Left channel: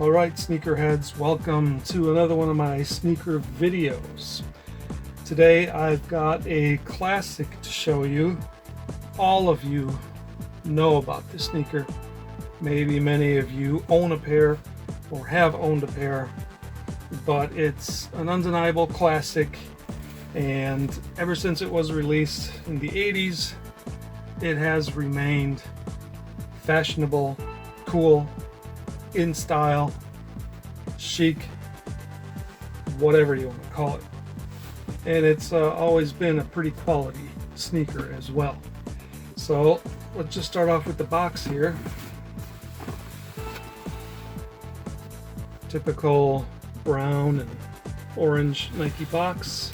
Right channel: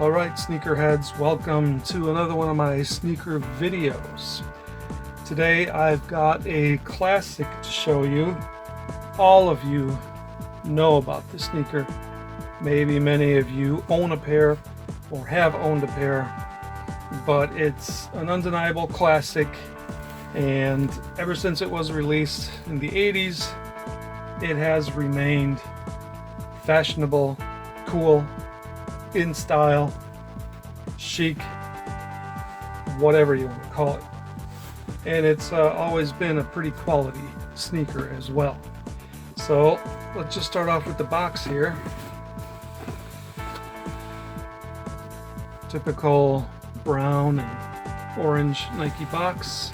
Alright, sneakerheads, welcome to another one of my sneaker videos. Today I've got a classic to show you. All of you know about this sneaker. Maybe many of you own a pair or have owned a pair, but it's an undeniable classic, and ever since it was released in the 80s, it has remained fashionable, cool, in style, chic, whatever you want to call it. And it's always been a pretty quality sneaker as well. So let's just start off with the box here. Typical brown and orange Nike box.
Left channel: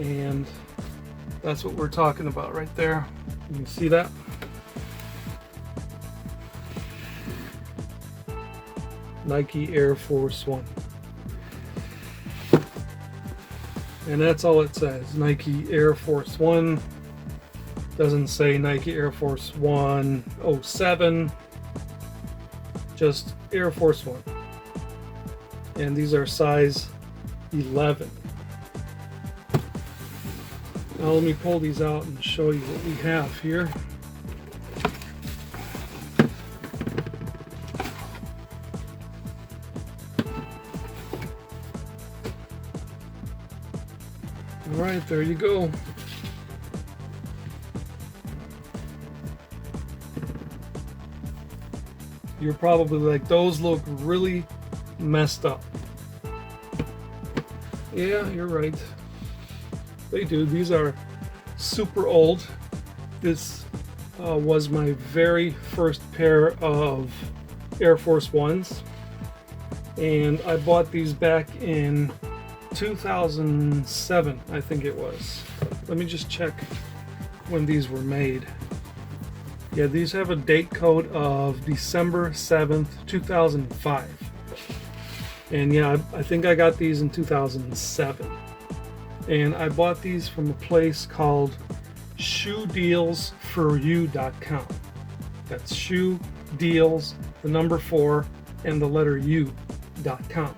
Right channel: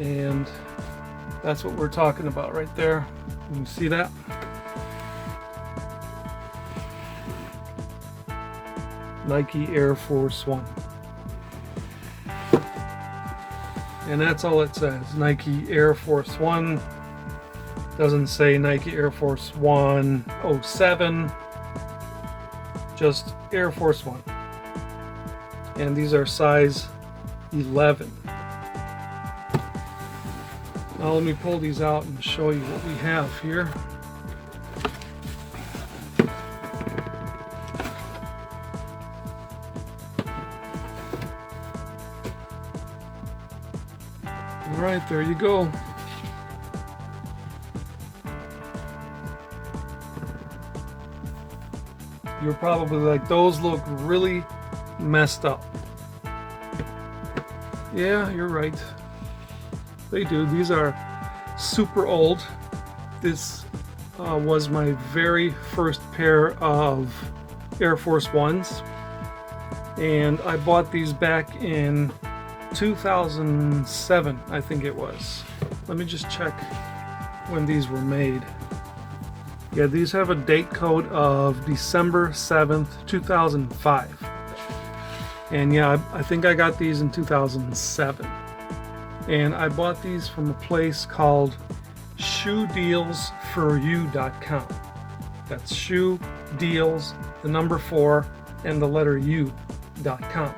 And that's what we're talking about right there. You can see that? Nike Air Force 1. And that's all it says, Nike Air Force 1. Doesn't say Nike Air Force 1 07, just Air Force 1. And these are size 11. Now let me pull these out and show you what we have here. Alright, there you go. You're probably like, those look really messed up. Yeah, you're right. They do. These are super old. This was my very first pair of Air Force Ones. And I bought these back in 2007, I think it was. Let me just check when these were made. Yeah, these have a date code of December 7th, 2005. And yeah, I think I got these in 2007. And I bought these from a place called shoedealsforyou.com. That's shoe deals, the number 4, and the letter U.com.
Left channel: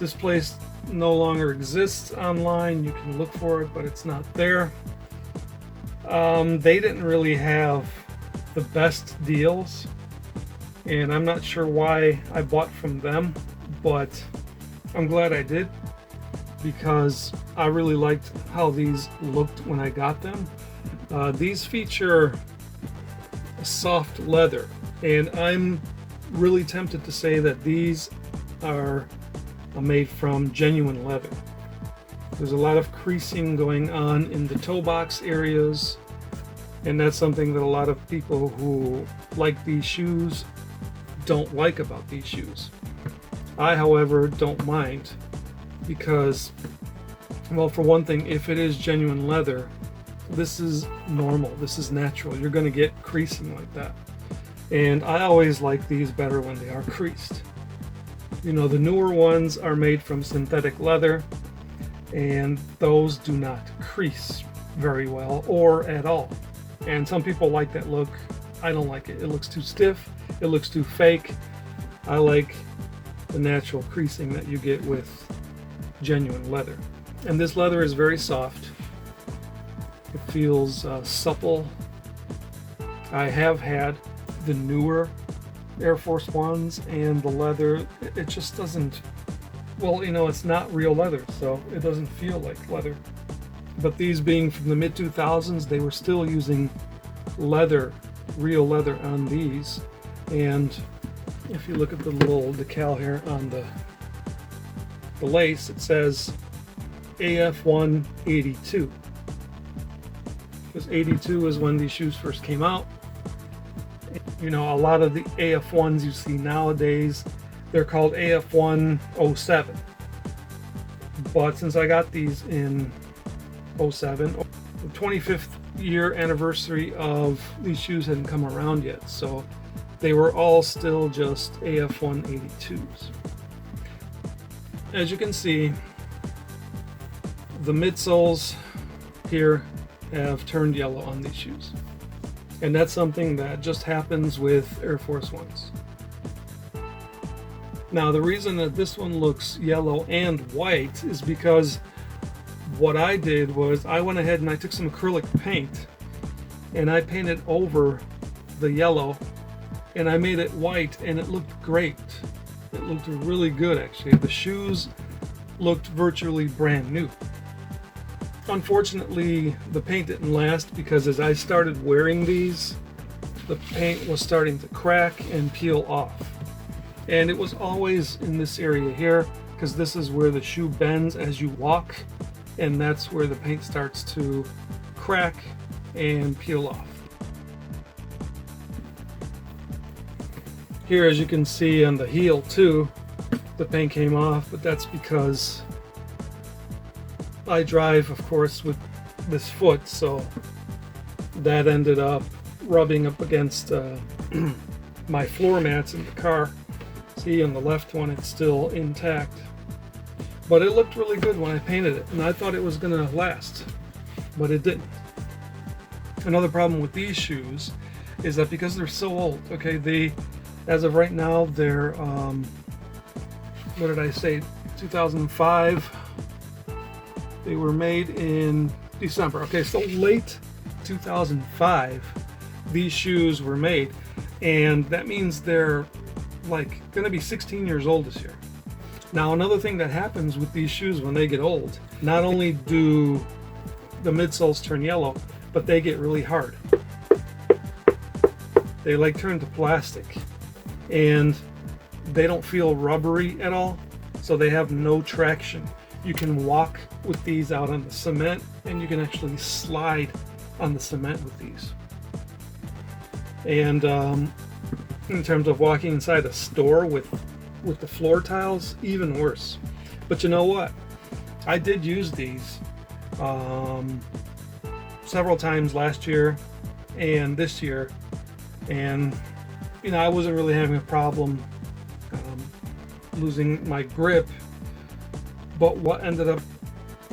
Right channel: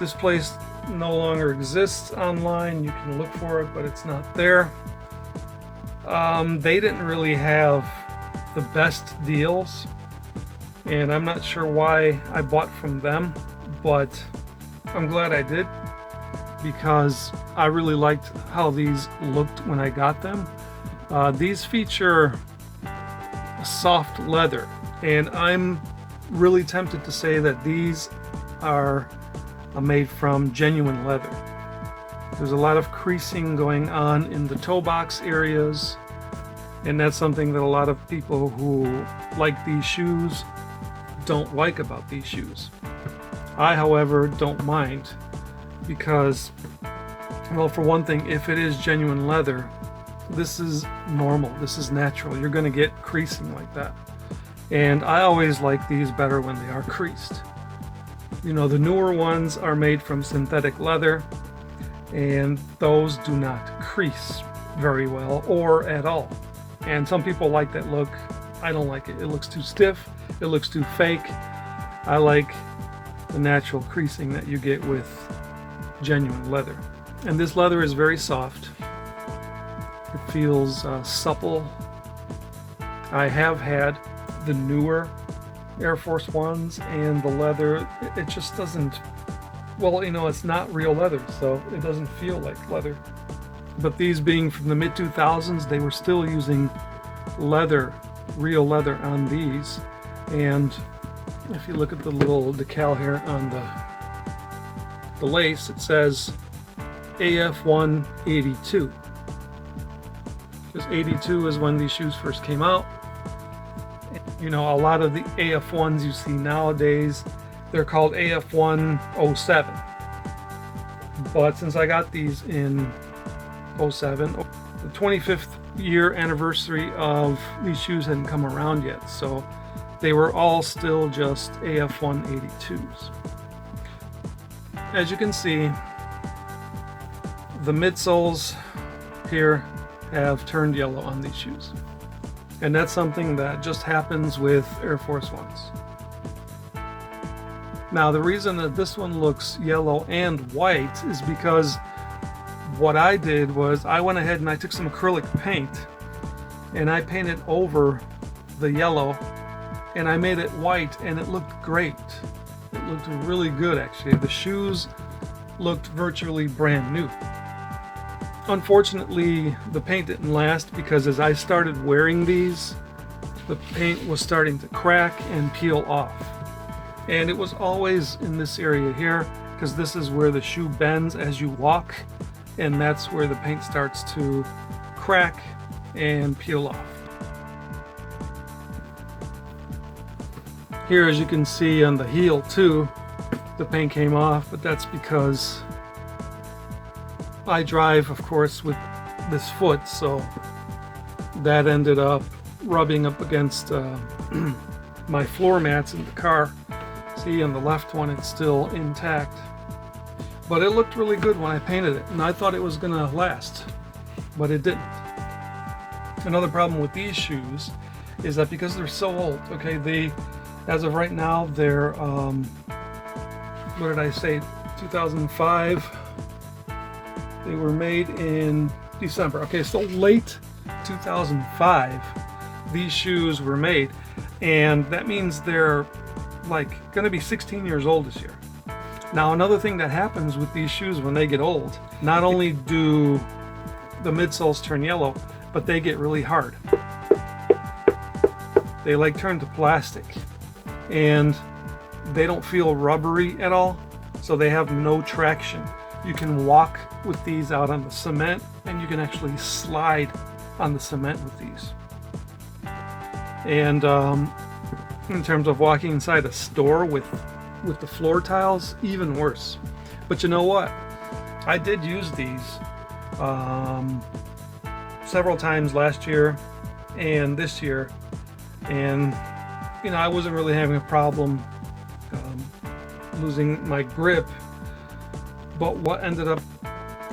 This place no longer exists online. You can look for it, but it's not there. They didn't really have the best deals, and I'm not sure why I bought from them, but I'm glad I did, because I really liked how these looked when I got them. These feature soft leather, and I'm really tempted to say that these are made from genuine leather. There's a lot of creasing going on in the toe box areas, and that's something that a lot of people who like these shoes don't like about these shoes. I, however, don't mind, because, well, for one thing, if it is genuine leather, this is normal, this is natural. You're going to get creasing like that. And I always like these better when they are creased. You know, the newer ones are made from synthetic leather, and those do not crease very well or at all. And some people like that look. I don't like it. It looks too stiff. It looks too fake. I like the natural creasing that you get with genuine leather. And this leather is very soft. It feels supple. I have had the newer Air Force Ones, and the leather, it just doesn't, well, you know, it's not real leather, so it doesn't feel like leather. But these being from the mid-2000s, they were still using leather, real leather on these. And if you look at the little decal here on the lace, it says AF1 82. Because 82 is when these shoes first came out. You know, a lot of the AF1s you see nowadays, they're called AF1 07. But since I got these in 07, the 25th year anniversary of these shoes hadn't come around yet, so they were all still just AF1 82s. As you can see, the midsoles here have turned yellow on these shoes. And that's something that just happens with Air Force Ones. Now the reason that this one looks yellow and white is because what I did was I went ahead and I took some acrylic paint and I painted over the yellow and I made it white, and it looked great. It looked really good actually. The shoes looked virtually brand new. Unfortunately, the paint didn't last because as I started wearing these, the paint was starting to crack and peel off. And it was always in this area here, because this is where the shoe bends as you walk, and that's where the paint starts to crack and peel off. Here, as you can see on the heel too, the paint came off, but that's because I drive, of course, with this foot, so that ended up rubbing up against my floor mats in the car. See, on the left one, it's still intact. But it looked really good when I painted it, and I thought it was gonna last, but it didn't. Another problem with these shoes is that because they're so old, okay, as of right now, they're, what did I say, 2005. They were made in December. Okay, so late 2005, these shoes were made, and that means they're like gonna be 16 years old this year. Now, another thing that happens with these shoes when they get old, not only do the midsoles turn yellow, but they get really hard. They like turn to plastic, and they don't feel rubbery at all, so they have no traction. You can walk with these out on the cement, and you can actually slide on the cement with these. And in terms of walking inside a store with the floor tiles, even worse. But you know what? I did use these several times last year and this year, and you know, I wasn't really having a problem losing my grip. But what ended up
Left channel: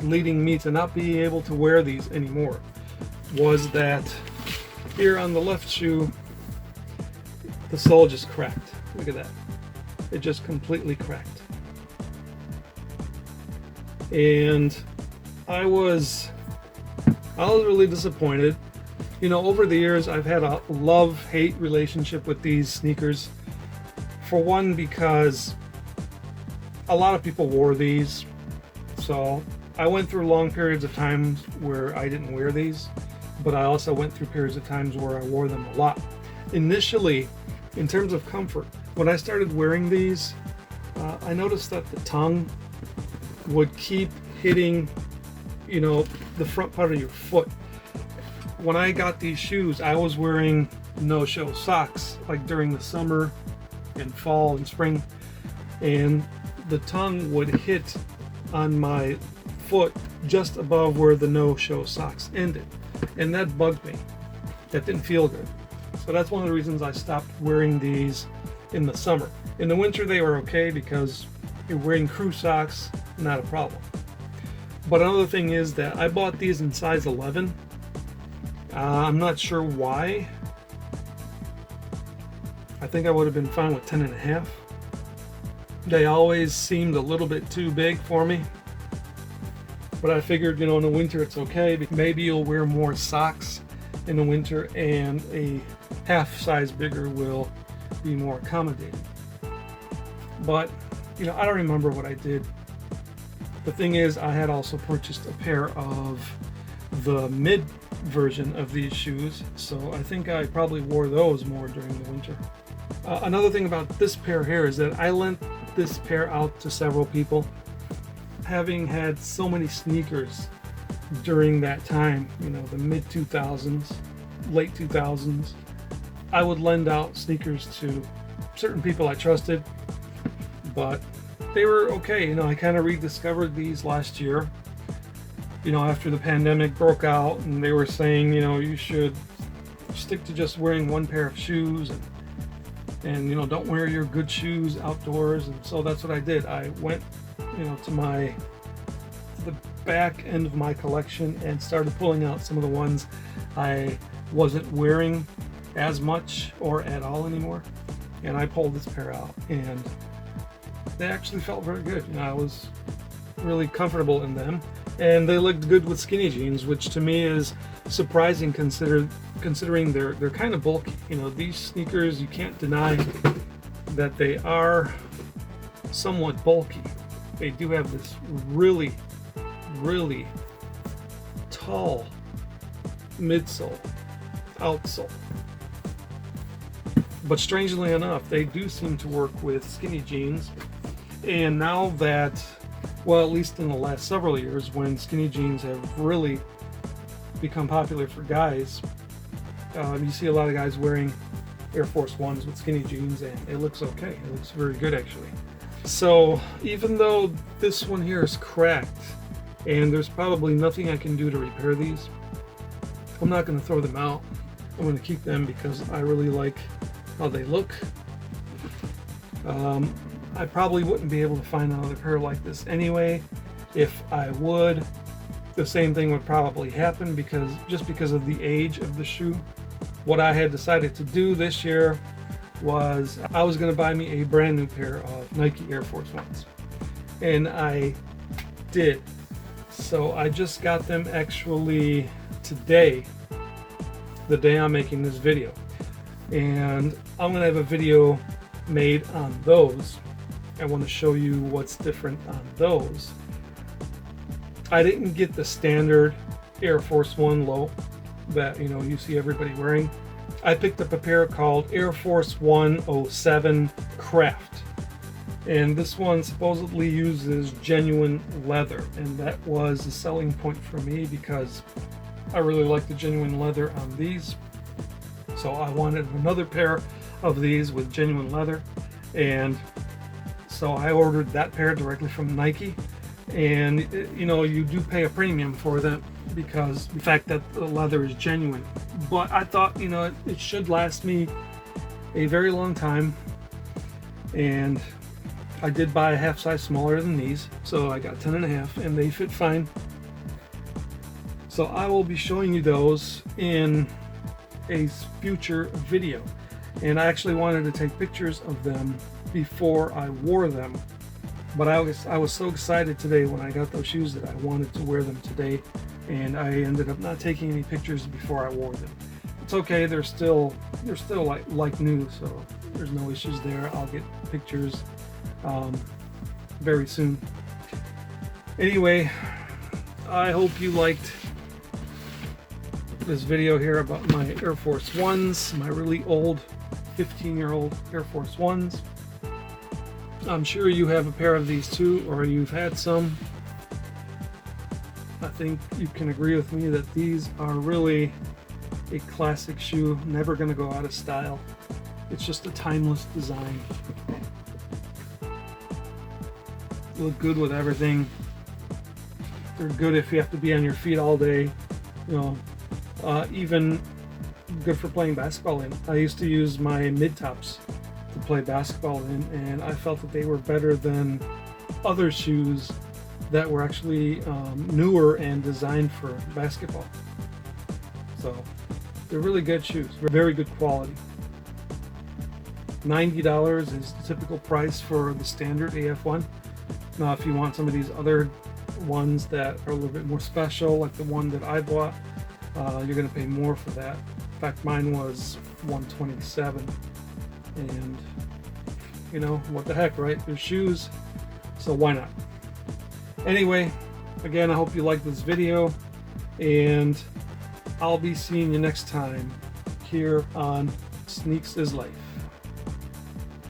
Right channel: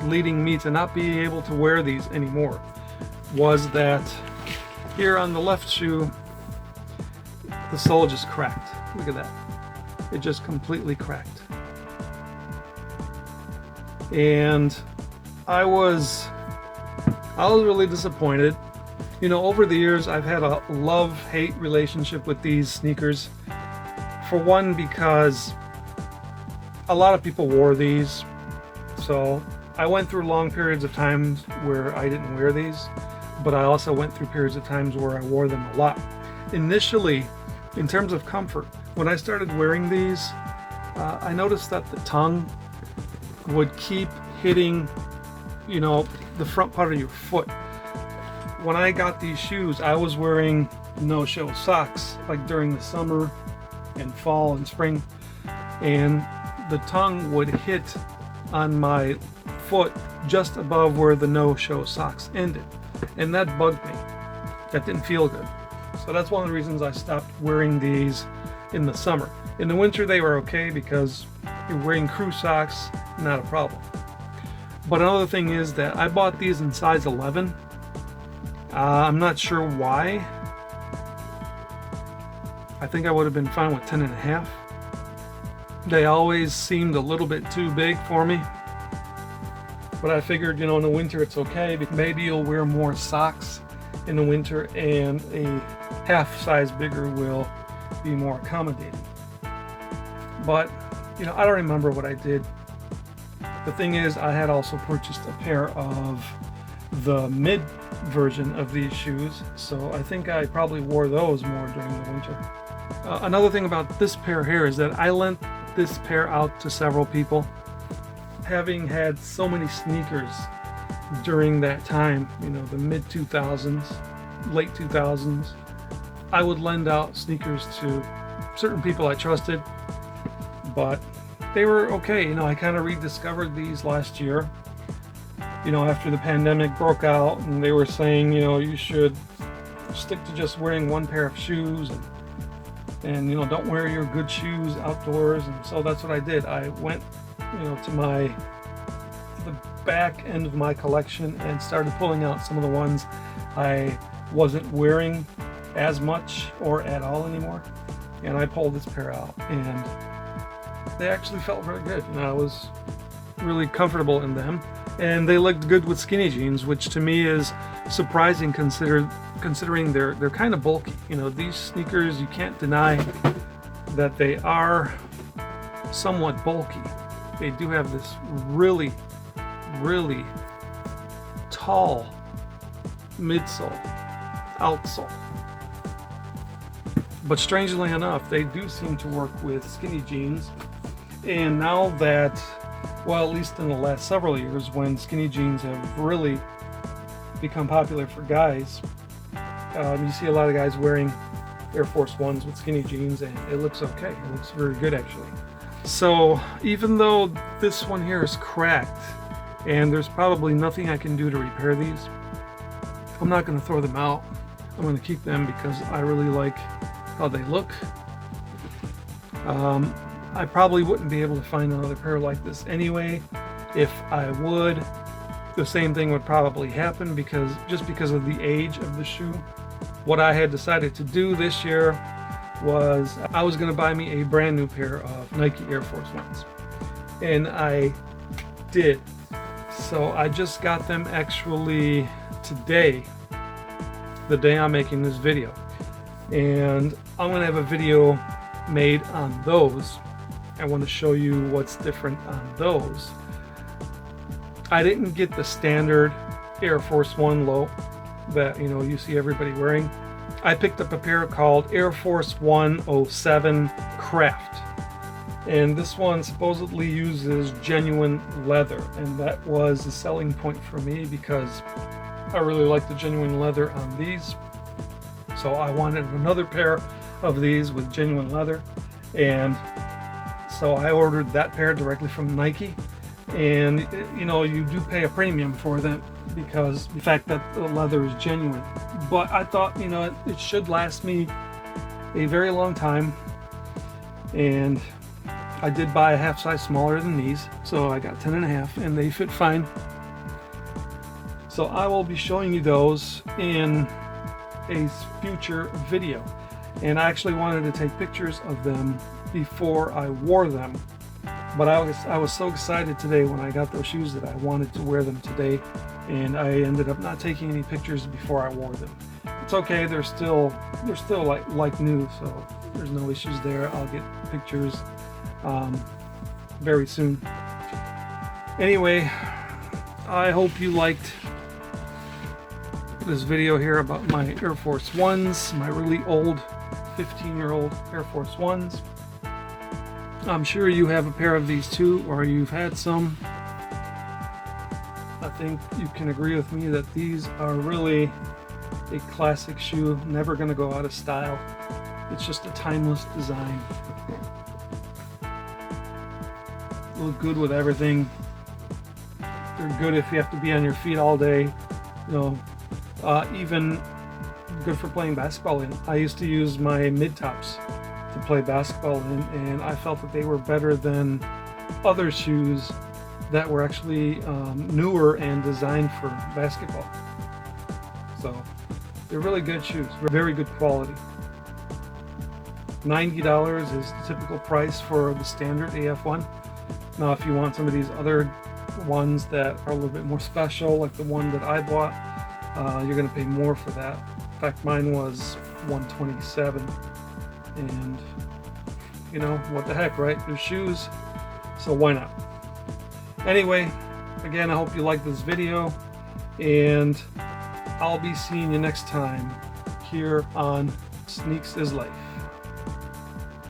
leading me to not be able to wear these anymore was that here on the left shoe, the sole just cracked. Look at that. It just completely cracked. And I was really disappointed. You know, over the years, I've had a love-hate relationship with these sneakers. For one, because a lot of people wore these. So I went through long periods of times where I didn't wear these, but I also went through periods of times where I wore them a lot. Initially, in terms of comfort, when I started wearing these, I noticed that the tongue would keep hitting, you know, the front part of your foot. When I got these shoes, I was wearing no-show socks, like during the summer and fall and spring, and the tongue would hit on my foot just above where the no-show socks ended, and that bugged me. That didn't feel good. So that's one of the reasons I stopped wearing these in the summer. In the winter they were okay because you're wearing crew socks, not a problem. But another thing is that I bought these in size 11. I'm not sure why. I think I would have been fine with 10 and a half. They always seemed a little bit too big for me. But I figured, you know, in the winter it's okay. Maybe you'll wear more socks in the winter and a half size bigger will be more accommodating. But, you know, I don't remember what I did. The thing is, I had also purchased a pair of the mid version of these shoes, so I think I probably wore those more during the winter. Another thing about this pair here is that I lent this pair out to several people. Having had so many sneakers during that time, you know, the mid 2000s, late 2000s, I would lend out sneakers to certain people I trusted, but they were okay. You know, I kind of rediscovered these last year, you know, after the pandemic broke out, and they were saying, you know, you should stick to just wearing one pair of shoes and you know, don't wear your good shoes outdoors. And so that's what I did. I went, you know, to the back end of my collection and started pulling out some of the ones I wasn't wearing as much or at all anymore, and I pulled this pair out, and they actually felt very good, and I was really comfortable in them. And they looked good with skinny jeans, which to me is surprising considering they're kind of bulky. You know, these sneakers, you can't deny that they are somewhat bulky. They do have this really, really tall midsole, outsole. But strangely enough, they do seem to work with skinny jeans. And now that, well, at least in the last several years, when skinny jeans have really become popular for guys, you see a lot of guys wearing Air Force Ones with skinny jeans, and it looks okay. It looks very good, actually. So even though this one here is cracked, and there's probably nothing I can do to repair these, I'm not going to throw them out. I'm going to keep them because I really like how they look. I probably wouldn't be able to find another pair like this anyway. If I would, the same thing would probably happen because of the age of the shoe. What I had decided to do this year was I was going to buy me a brand new pair of Nike Air Force Ones, and I did. So I just got them actually today, the day I'm making this video, and I'm going to have a video made on those. I want to show you what's different on those. I didn't get the standard Air Force One low that you see everybody wearing. I picked up a pair called Air Force 107 Craft, and this one supposedly uses genuine leather, and that was a selling point for me because I really like the genuine leather on these. So I wanted another pair of these with genuine leather, and so I ordered that pair directly from Nike. And you do pay a premium for that because the fact that the leather is genuine. But I thought it should last me a very long time, and I did buy a half size smaller than these, so I got 10.5, and they fit fine. So I will be showing you those in a future video, and I actually wanted to take pictures of them before I wore them. But I was so excited today when I got those shoes that I wanted to wear them today, and I ended up not taking any pictures before I wore them. It's okay, they're still like new, so there's no issues there. I'll get pictures very soon. Anyway, I hope you liked this video here about my Air Force Ones, my really old 15-year-old Air Force Ones. I'm sure you have a pair of these too, or you've had some. I think you can agree with me that these are really a classic shoe, never going to go out of style. It's just a timeless design. Look good with everything. They're good if you have to be on your feet all day. Even good for playing basketball in. I used to use my mid-tops to play basketball in, and I felt that they were better than other shoes that were actually newer and designed for basketball. So they're really good shoes, very good quality. $90 is the typical price for the standard AF1. Now if you want some of these other ones that are a little bit more special, like the one that I bought, you're going to pay more for that. In fact, mine was $127, and what the heck, right? They're shoes, so why not? Anyway, again, I hope you liked this video, and I'll be seeing you next time here on Sneaks is Life.